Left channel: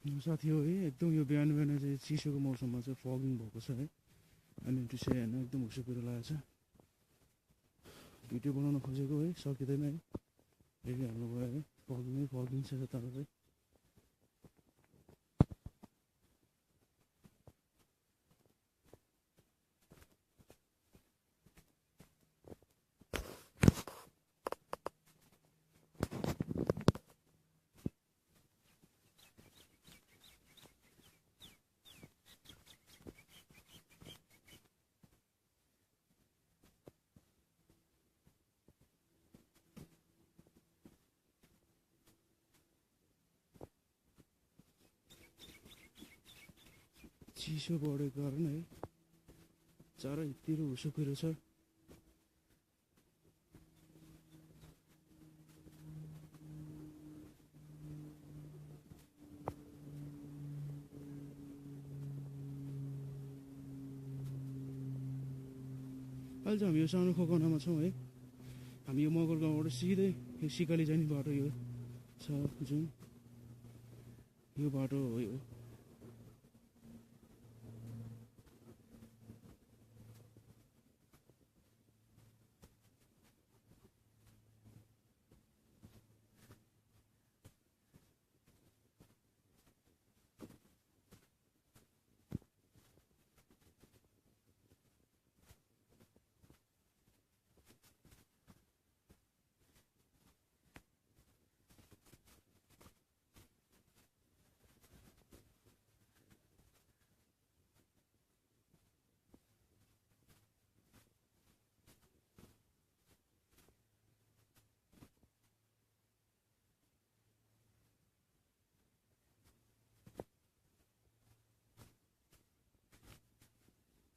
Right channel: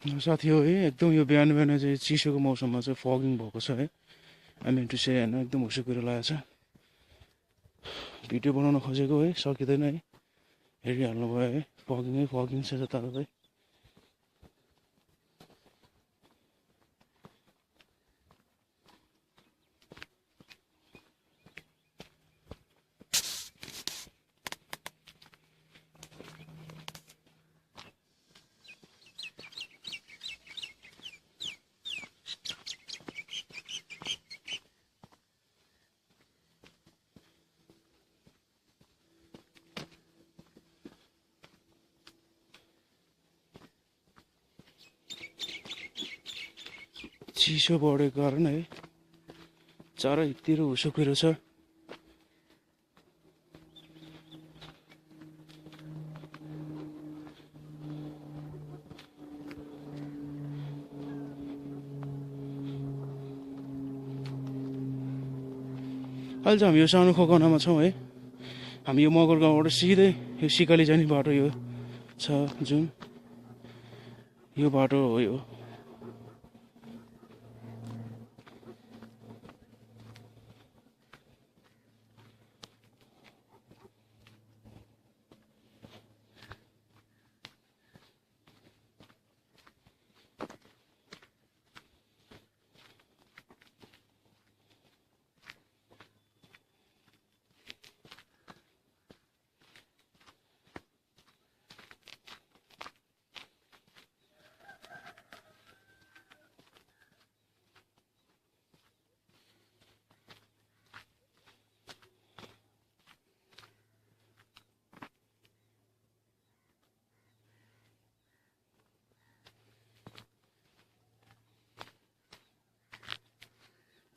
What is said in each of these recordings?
साथी हो है एकदम यो बिहान बिहान चाहिँ चिसोको मौसममा चाहिँ फगिङ भएको छ है आई मिन टु से होइन एकदम हुसो कुरो लागेको छ भिडियो बनाउन खोजेको है सकिँदैन है हेरिहाल्नु भयो है फगिङ छ जताततै चिसो बढेको कारण है चारैतिर हुसो कुरो छ अहिले चाहिँ हामी यो सानो खोकनामा छौँ है हामी यो मगर गाउँबाट सिधै यो सिकाली जाने बाटो यो छ जुन यो बाटो हो यो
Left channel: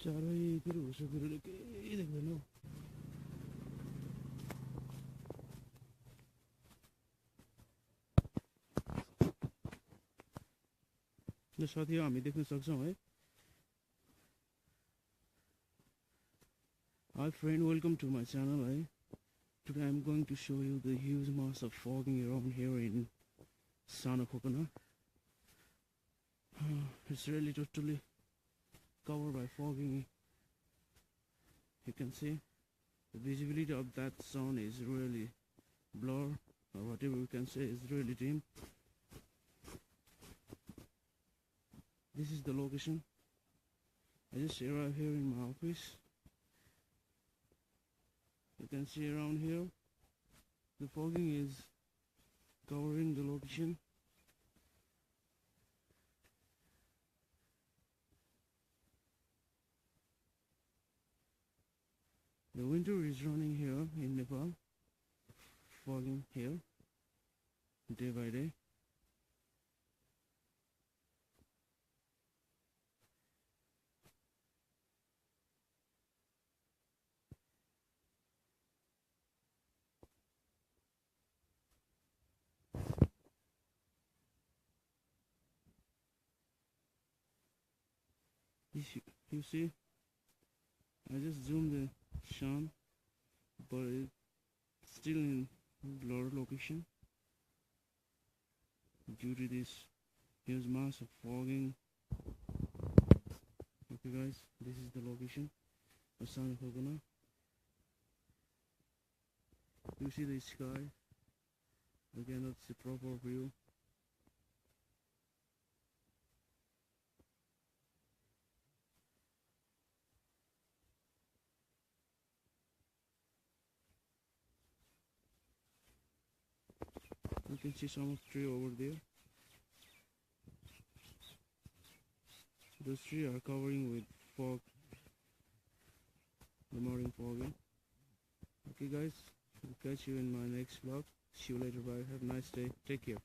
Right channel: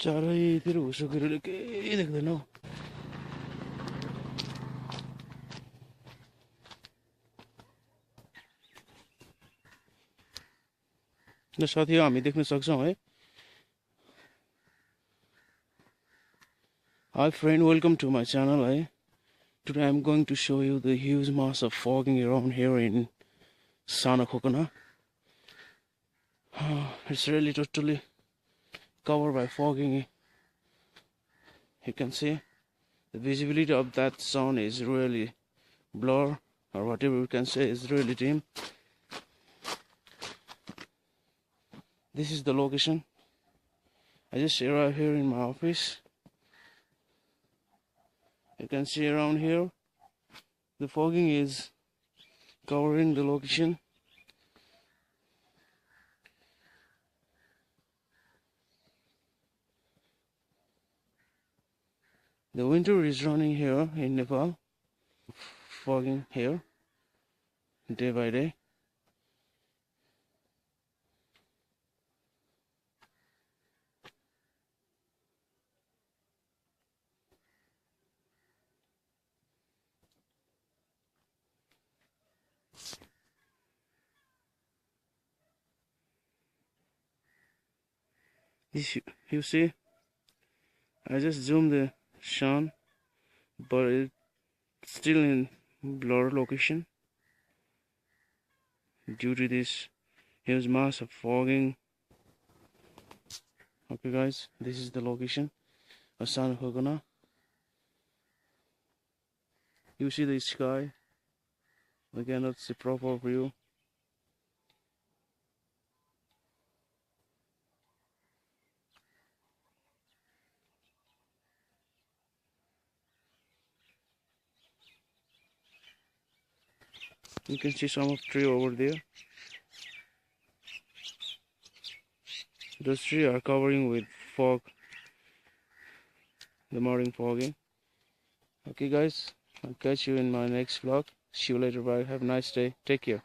चारैतिर हुसो कुरोले केही देख्दैन हौ र साथी हामी देख्न सक्छौँ है Hi friend, welcome to my channel. Today I'm going to show you the huge mass of fogging around here in Sanakokana. It's really totally covered by fogging. You can see the visibility of that sun is really blur, or whatever you can say is really dim. This is the location. I just arrived here in my office. You can see around here the fogging is covering the location. The winter is running here in Nepal. Fogging here day by day. You see, I just zoomed the sun, but it's still in blur location due to this huge mass of fogging. Okay guys, this is the location of San Hogana. You see the sky, we cannot see proper view. You can see some of tree over there. Those trees are covering with fog, the morning fogging. Okay guys, I'll catch you in my next vlog. See you later, bye. Have a nice day. Take care.